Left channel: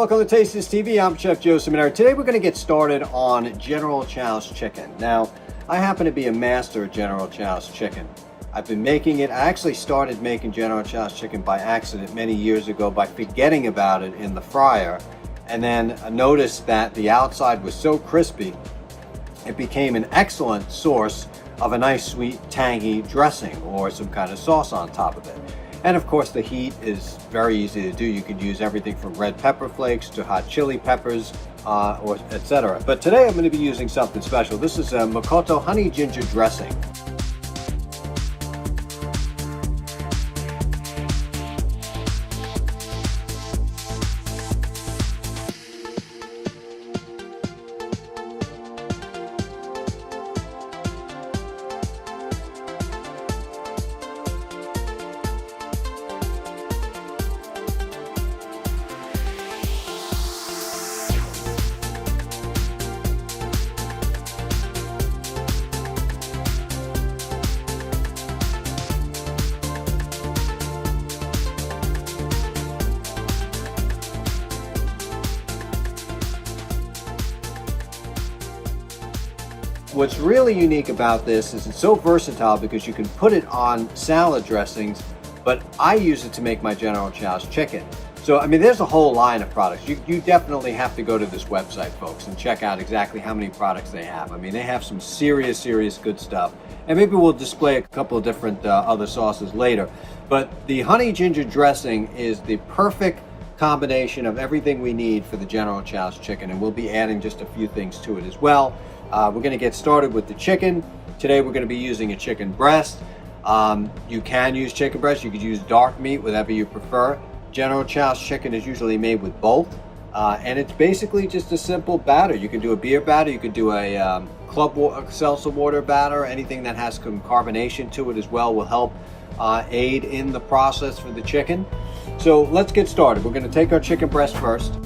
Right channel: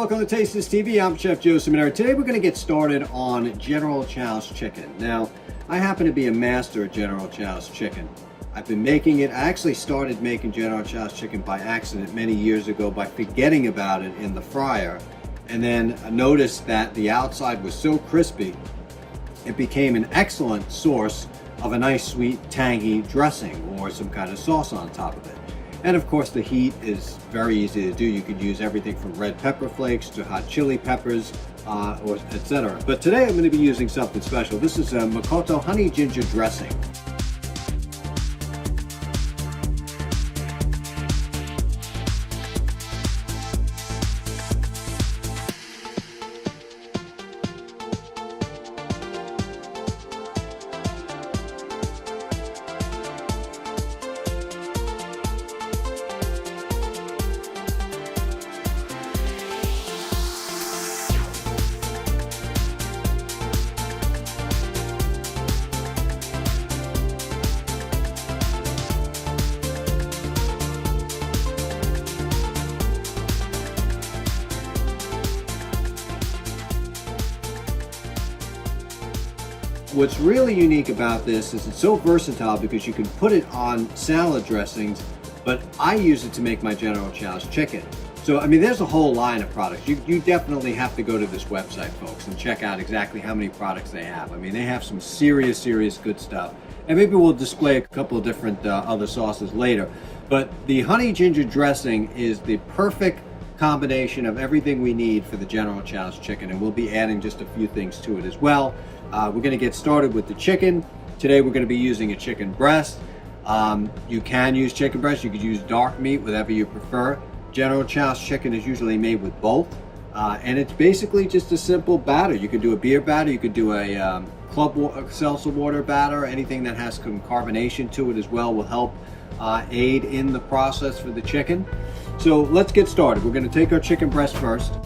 welcome to Taste This TV. I'm Chef Joe Ciminera. Today we're going to get started on General Tso's chicken. Now, I happen to be a master at General Tso's chicken. I've been making it. I actually started making General Tso's chicken by accident many years ago by forgetting about it in the fryer, and then noticed that the outside was so crispy, it became an excellent source of a nice sweet tangy dressing or some kind of sauce on top of it. And of course the heat is very easy to do. You could use everything from red pepper flakes to hot chili peppers or etc. But today I'm going to be using something special. This is a Makoto honey ginger dressing. What's really unique about this is it's so versatile because you can put it on salad dressings, but I use it to make my General Tso's chicken. So, I mean, there's a whole line of products. You definitely have to go to this website, folks, and check out exactly how many products they have. I mean, they have some serious good stuff. And maybe we'll display a couple of different other sauces later. But the honey ginger dressing is the perfect combination of everything we need for the General Tso's chicken, and we'll be adding just a few things to it as well. We're going to get started with the chicken. Today we're going to be using a chicken breast. You can use chicken breast, you could use dark meat, whatever you prefer. General Tso's chicken is usually made with both, and it's basically just a simple batter. You can do a beer batter, you could do a seltzer water batter. Anything that has some carbonation to it as well will help aid in the process for the chicken. So let's get started. We're going to take our chicken breast first.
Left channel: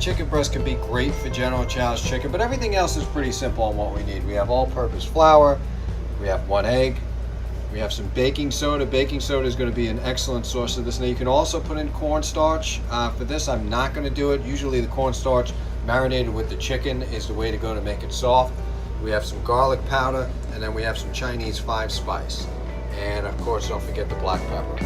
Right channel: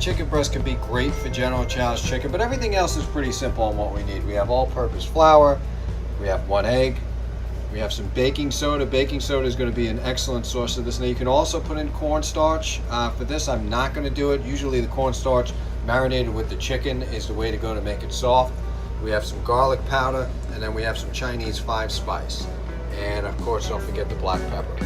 Chicken breast can be great for General Tso's chicken, but everything else is pretty simple on what we need. We have all-purpose flour, we have 1 egg, we have some baking soda. Baking soda is going to be an excellent source of this. Now you can also put in cornstarch. For this I'm not going to do it. Usually the cornstarch marinated with the chicken is the way to go to make it soft. We have some garlic powder, and then we have some Chinese 5 spice. And of course don't forget the black pepper.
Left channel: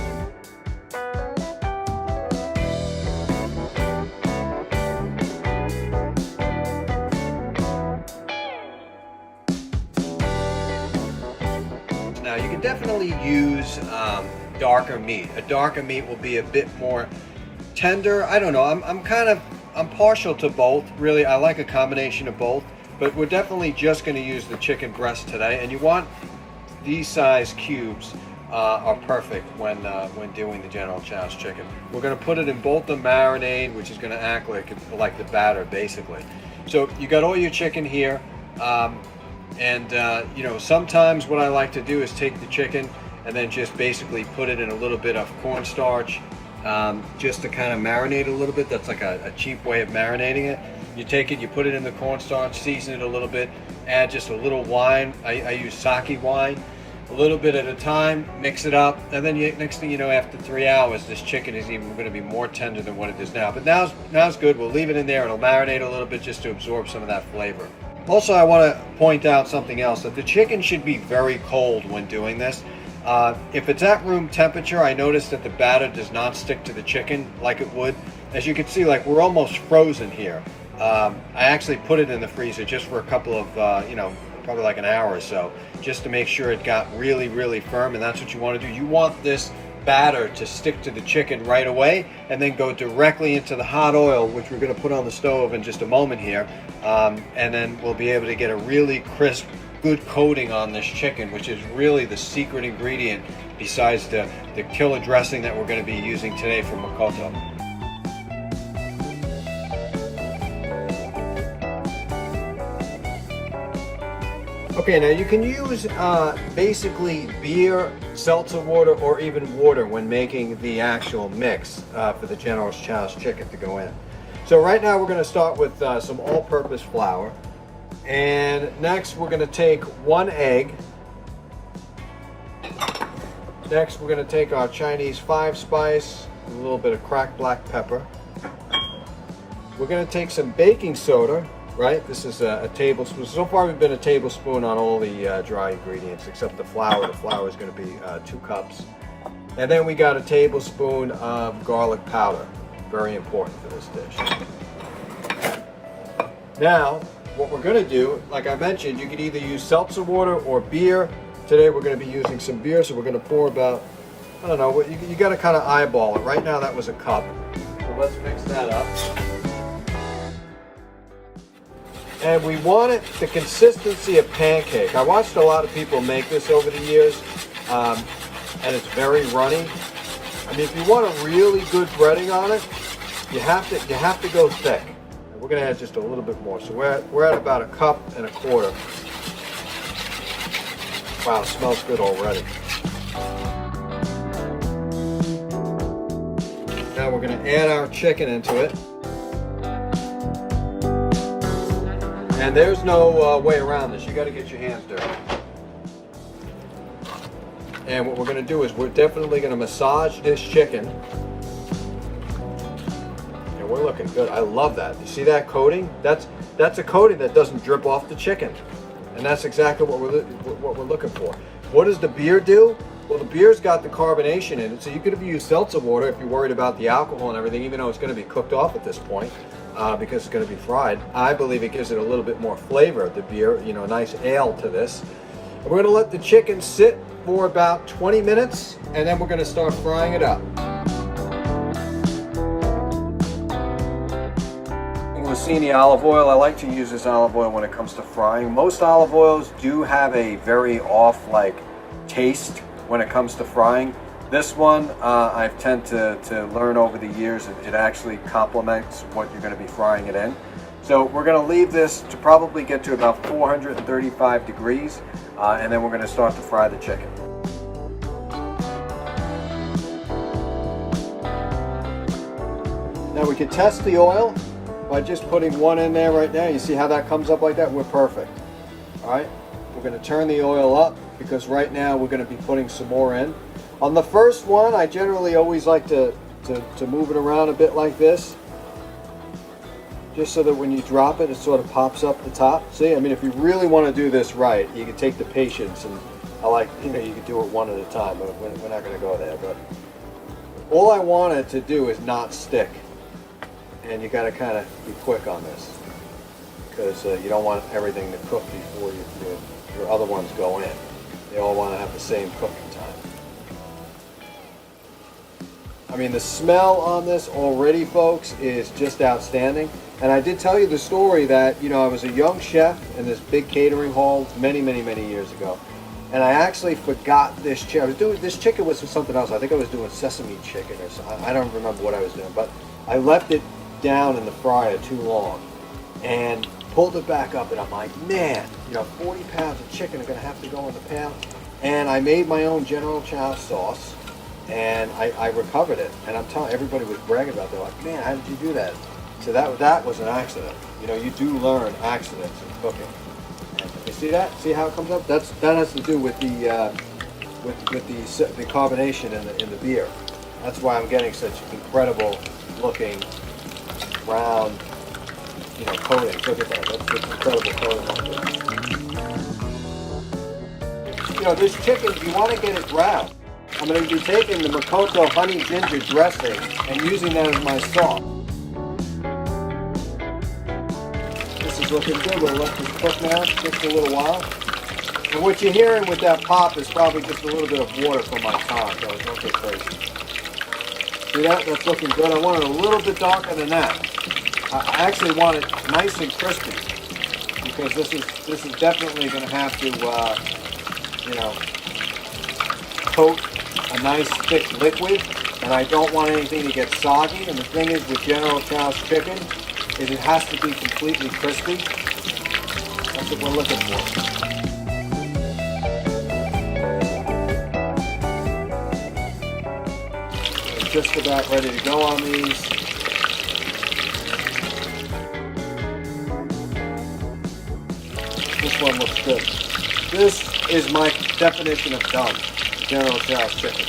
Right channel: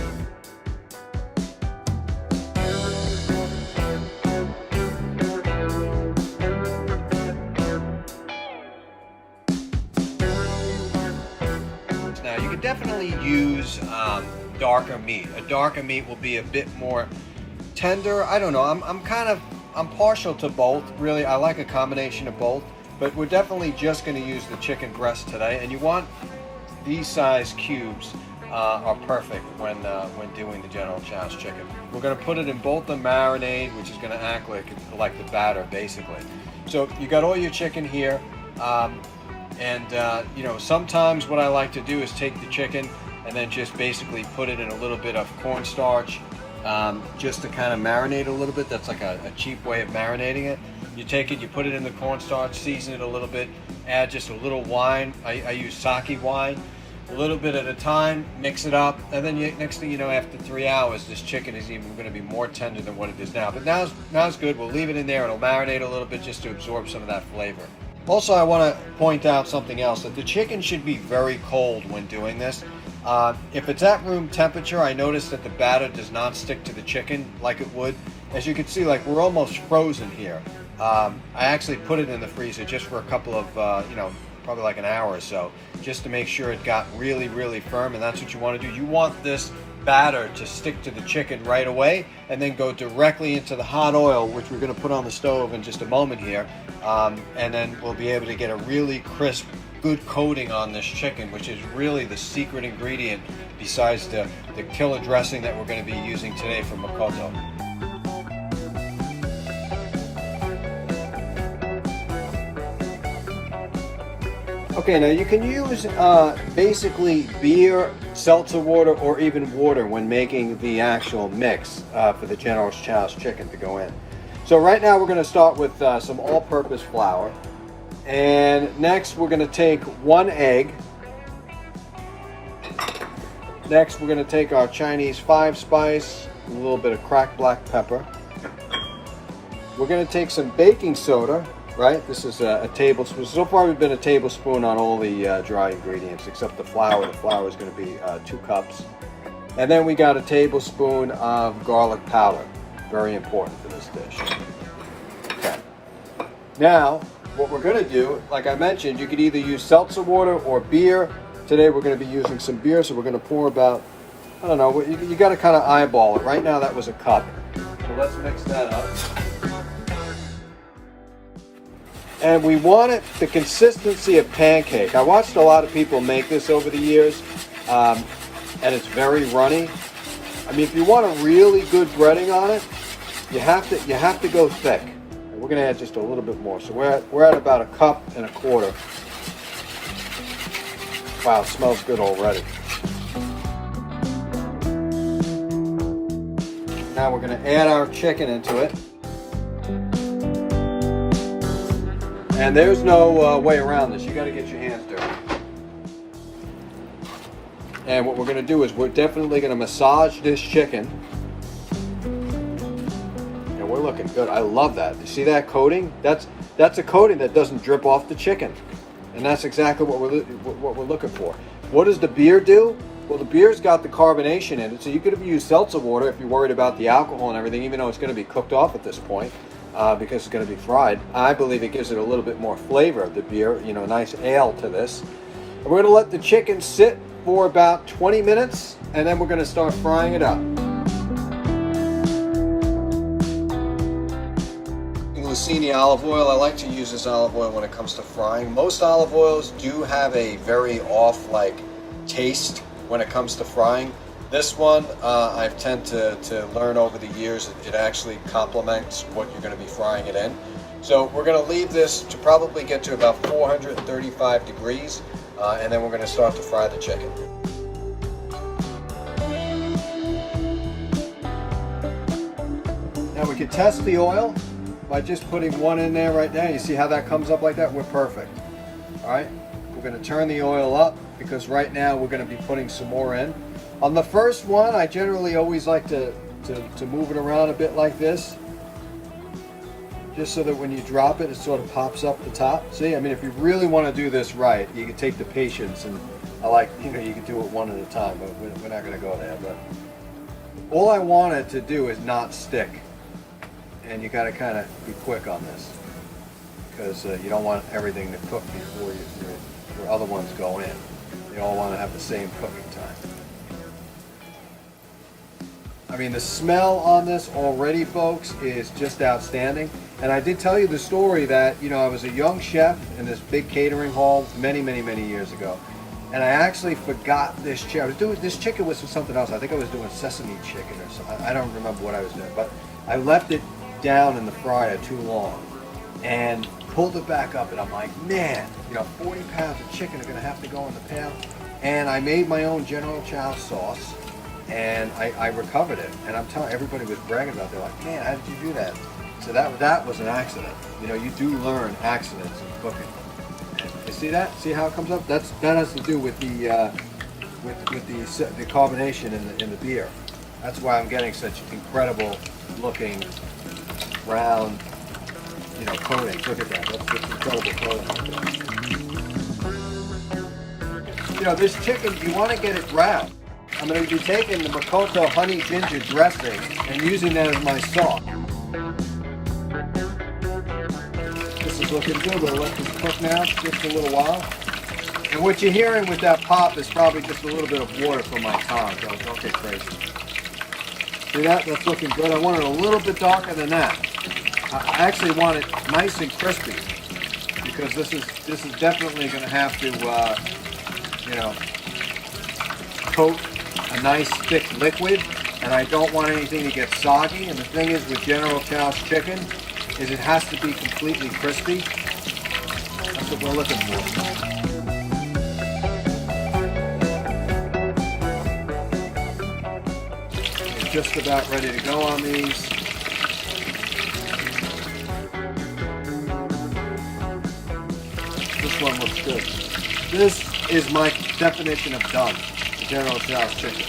Now you can definitely use darker meat. A darker meat will be a bit more tender. I don't know, I'm partial to both. Really, I like a combination of both, but we're definitely just going to use the chicken breast today. And you want these size cubes are perfect when doing the General Tso's chicken. We're going to put it in both the marinade, which is going to act like the batter basically. So you got all your chicken here. You know, sometimes what I like to do is take the chicken and then just basically put it in a little bit of cornstarch just to kind of marinate a little bit. That's like a cheap way of marinating it. You take it, you put it in the cornstarch, season it a little bit, add just a little wine. I use sake wine, a little bit at a time, mix it up, and then next thing you know, after 3 hours, this chicken is even going to be more tender than what it is now. But now's good. We'll leave it in there. It'll marinate a little bit just to absorb some of that flavor. Also, I want to point out something else, that the chicken should be very cold when doing this. If it's at room temperature, I noticed that the batter does not stick to the chicken like it would. As you can see, like, we're almost frozen here. I actually put it in the freezer just for a couple of, you know, probably like an hour or so, just to make sure it got really firm, and that's what you want to do. You want this batter to stick to the chicken right away and then go directly into the hot oil, which we're going to put on the stove in just a moment here, and then we'll be able to get a really crisp, good coating on this chicken, which is really the secret ingredient besides the killer dressing that we're going to be using today from Makoto. Okay, now you can use basically beer, seltzer water, or even water when making the actual mix for the General Tso's chicken to go in. So right now we're going to start with some all-purpose flour. And next we're going to take 1 egg. Next we're going to take our Chinese 5-spice, a little bit of cracked black pepper. We're going to take some baking soda, right? This is a tablespoon. So far we've been a tablespoon on all the dry ingredients except the flour. The flour is going to be 2 cups. And then we got a tablespoon of garlic powder. Very important for this dish. Okay. Now, what we're going to do, like I mentioned, you could either use seltzer water or beer. Today we're going to be using some beer, so we're going to pour about, I don't know, you got to kind of eyeball it. Right now that was a cup. So let's mix that up. And we want it the consistency of pancake. I watched a lot of people make this over the years, and it's very runny. I mean, if you want a really good breading on it, you have to go thick. We're going to add just a little bit more. So we're at about 1.25 cups. Wow, it smells good already. Now we're going to add our chicken into it. And there's no way around this. You got to get your hands dirty. And what we're going to do is we're definitely going to massage this chicken. And we're looking good. I love that. You see that coating? That's a coating that doesn't drip off the chicken. And that's exactly what we're looking for. What does the beer do? Well, the beer's got the carbonation in it, so you could have used seltzer water if you're worried about the alcohol and everything, even though it's going to be cooked off at this point because it's going to be fried. I believe it gives it a little bit more flavor, the beer, you know, nice ale to this. We're going to let the chicken sit for about 20 minutes, and then we're going to start frying it up. Linguine olive oil. I like to use this olive oil when it comes to frying. Most olive oils do have a very off taste when it comes to frying. This one I've tend to learn over the years it actually complements what you're going to be frying it in. So we're going to leave this to probably get to about 435 degrees and then we're going to start to fry the chicken. Now we can test the oil by just putting one in there right now. You see how that comes up like that? We're perfect. All right, we're going to turn the oil up because right now we're going to be putting some more in. On the first one, I generally always like to move it around a bit like this, just so that when you drop it, it sort of pops up the top. See, I mean, if you really want to do this right, you can take the patience, and you can do it one at a time, but we're not going to go there. But all I want it to do is not stick, and you got to kind of be quick on this, because you don't want everything to cook before your other ones go in. They all want to have the same cooking time. I mean, the smell on this already, folks, is just outstanding. And I did tell you the story that, I was a young chef in this big catering hall many, many, many years ago. And I actually forgot this chicken. I was doing this chicken was something else. I think I was doing sesame chicken or something. I don't remember what I was doing. But I left it down in the fryer too long and pulled it back up. And I'm like, man, 40 pounds of chicken are going to have to go in the pan. And I made my own General Tso sauce. And I recovered it, and I'm telling everybody was bragging about it. They're like, man, how did you do that? So that was an accident. You do learn accidents in cooking. And you see that? See how it comes up? That has to do with the carbonation in the beer. That's why I'm getting such incredible looking brown coating. Look at that. That's just incredible coating. This chicken, you want to get it brown. I'm going to be taking the Makoto honey ginger dressing and using that as my sauce. This is looking good. We'll let this cook now just a little while. And what you're hearing with that pop is probably just a little bit of water from my pan, so don't get crazy. See that? That's looking good. I want it a little bit darker than that. I actually want it nice and crispy because this is definitely going to have to, coat a nice thick liquid, and I don't want anything to get soggy. And the thing is with General Tso's chicken is it has to be completely crispy. That's what we're looking for. We're just about ready to go on these. good. This is my definition of done, General Tso chicken.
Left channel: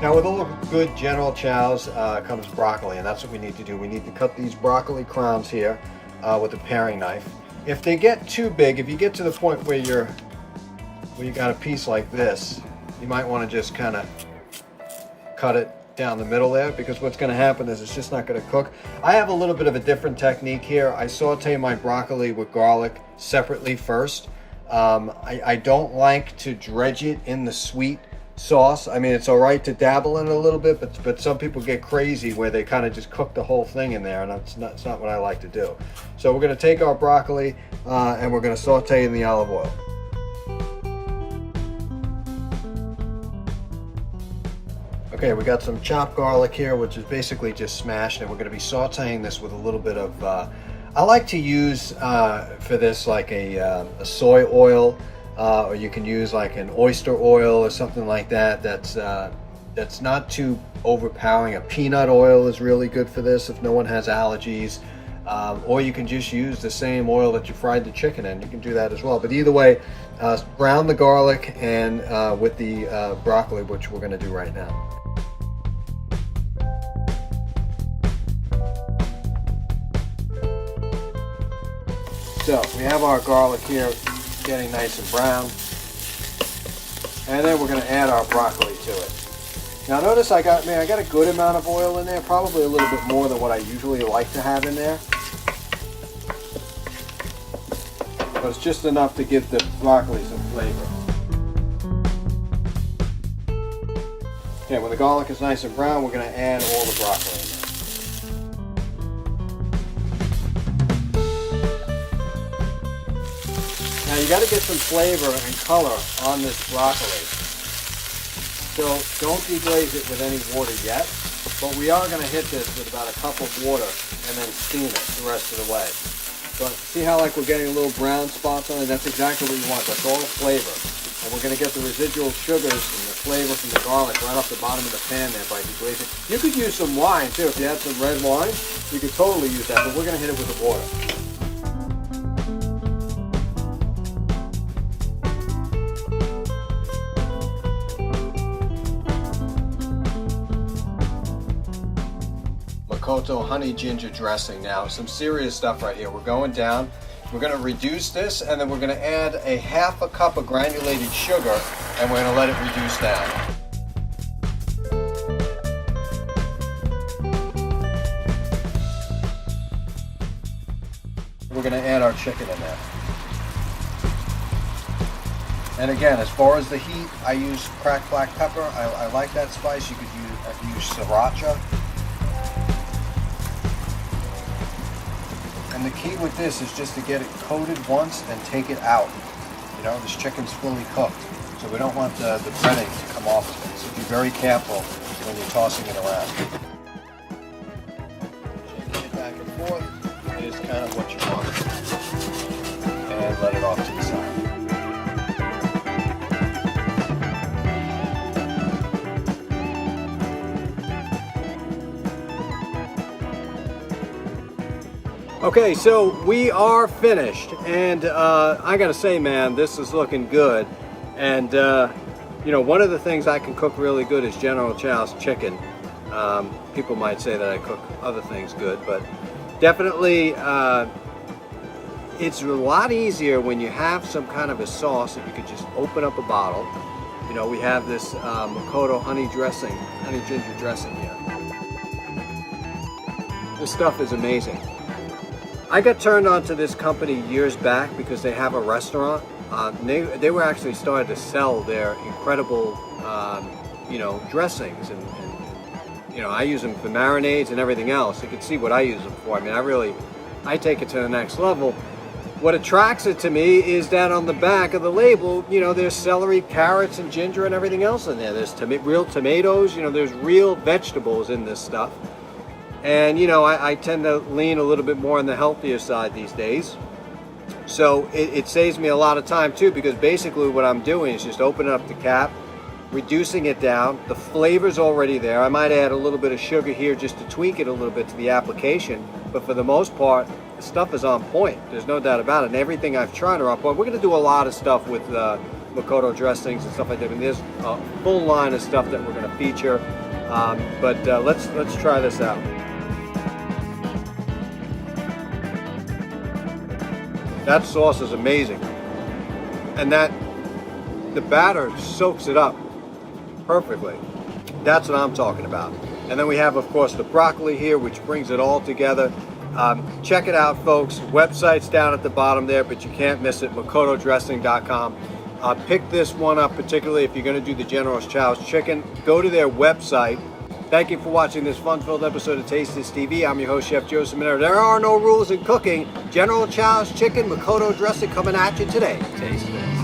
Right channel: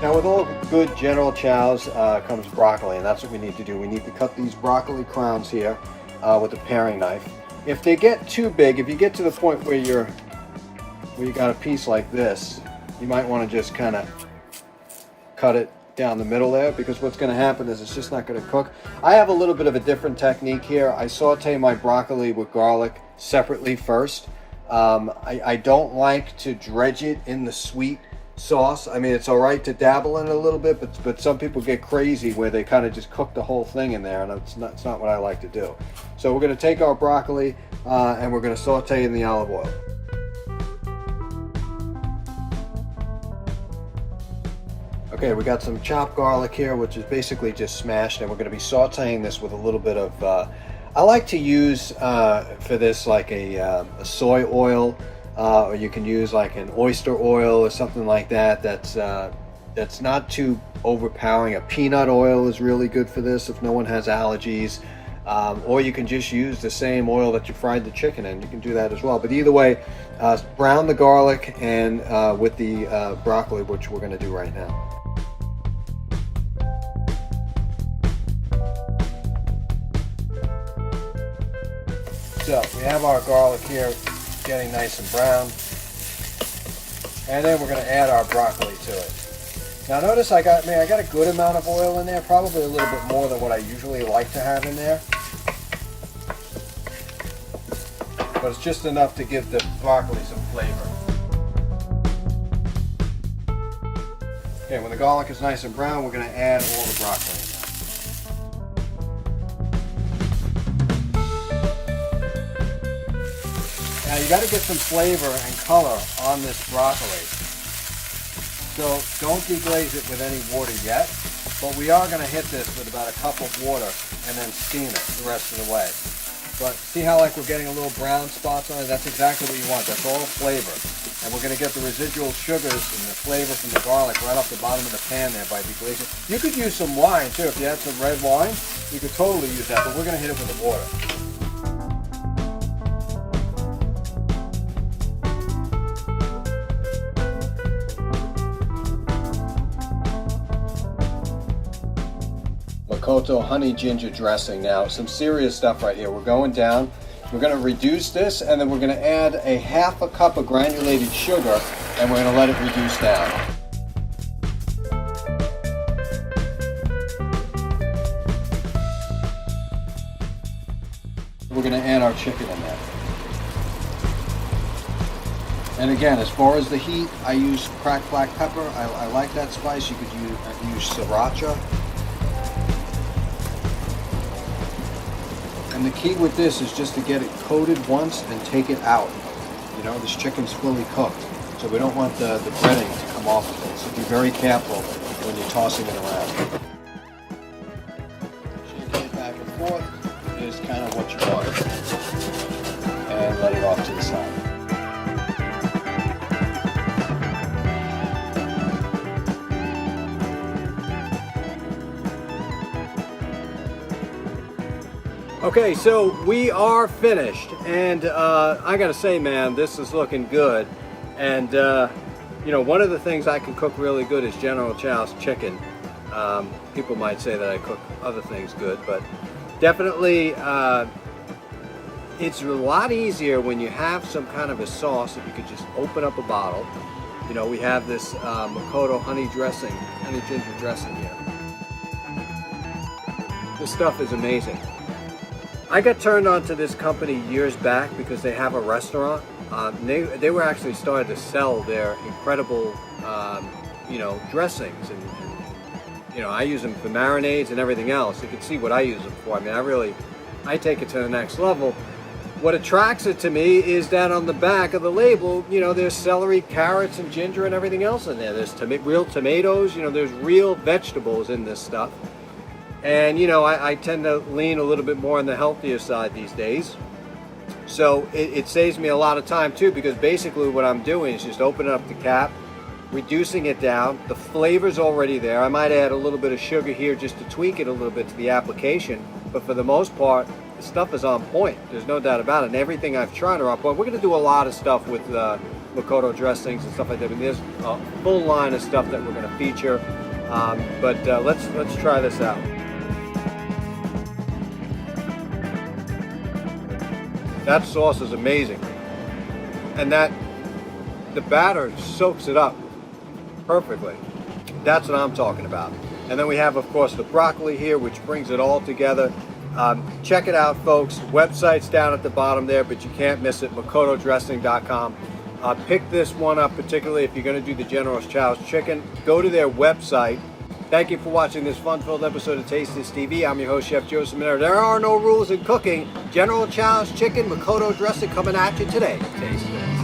Now with all good General Tso's comes broccoli, and that's what we need to do. We need to cut these broccoli crowns here with a paring knife. If they get too big, if you get to the point where you got a piece like this, you might want to just kind of cut it down the middle there, because what's going to happen is it's just not going to cook. I have a little bit of a different technique here. I saute my broccoli with garlic separately first. I don't like to dredge it in the sweet sauce. I mean, it's all right to dabble in it a little bit, but some people get crazy where they kind of just cook the whole thing in there, and it's not what I like to do. So we're going to take our broccoli and we're going to saute in the olive oil. Okay, we got some chopped garlic here, which is basically just smashed, and we're going to be sauteing this with a little bit of I like to use for this like a soy oil, or you can use like an oyster oil or something like that. That's not too overpowering. A peanut oil is really good for this if no one has allergies, or you can just use the same oil that you fried the chicken in. You can do that as well. But either way, brown the garlic and with the broccoli, which we're going to do right now. So we have our garlic here getting nice and brown, and then we're going to add our broccoli to it. Now notice I got a good amount of oil in there, probably a little bit more than what I usually like to have in there, but it's just enough to give the broccoli some flavor. Okay, when the garlic is nice and brown, we're going to add all the broccoli in there. Now you got to get some flavor and color on this broccoli. So don't deglaze it with any water yet, but we are going to hit this with about a cup of water and then steam it the rest of the way. But see how like we're getting a little brown spots on it? That's exactly what you want. That's all flavor. And we're going to get the residual sugars and the flavor from the garlic right off the bottom of the pan there by deglazing. You could use some wine too. If you had some red wine, you could totally use that, but we're going to hit it with the water. Makoto honey ginger dressing. Now some serious stuff right here. We're going down. We're going to reduce this, and then we're going to add a half a cup of granulated sugar, and we're going to let it reduce down. We're going to add our chicken in there. And again, as far as the heat, I use cracked black pepper. I like that spice. You could use sriracha. And the key with this is just to get it coated once and take it out. You know, this chicken's fully cooked, so we don't want the breading to come off of it. So be very careful when you're tossing it around. Shaking it back and forth is kind of what you want. And let it off to the side. Okay, so we are finished, and I gotta say, man, this is looking good. And you know, one of the things I can cook really good is General Tso's chicken. People might say that I cook other things good, but definitely it's a lot easier when you have some kind of a sauce that you could just open up a bottle. You know, we have this Makoto honey ginger dressing here. This stuff is amazing. I got turned on to this company years back because they have a restaurant. They were actually started to sell their incredible, you know, dressings, and you know, I use them for marinades and everything else. You can see what I use them for. I mean, I take it to the next level. What attracts it to me is that on the back of the label, you know, there's celery, carrots, and ginger and everything else in there. There's real tomatoes. You know, there's real vegetables in this stuff. And you know, I tend to lean a little bit more on the healthier side these days. So it saves me a lot of time too, because basically what I'm doing is just opening up the cap, reducing it down. The flavor's already there. I might add a little bit of sugar here just to tweak it a little bit to the application, but for the most part, the stuff is on point. There's no doubt about it, and everything I've tried are on point. We're going to do a lot of stuff with Makoto Dressings and stuff like that. I mean, there's a full line of stuff that we're going to feature, but let's try this out. That sauce is amazing, and the batter soaks it up perfectly. That's what I'm talking about. And then we have, of course, the broccoli here, which brings it all together. Check it out, folks. Website's down at the bottom there, but you can't miss it, makotodressing.com. Pick this one up, particularly if you're going to do the General Tso's chicken. Go to their website. Thank you for watching this fun-filled episode of Taste This TV. I'm your host, Chef Joe Ciminera. There are no rules in cooking. General Tso's chicken, Makoto Dressing coming at you today. Taste this.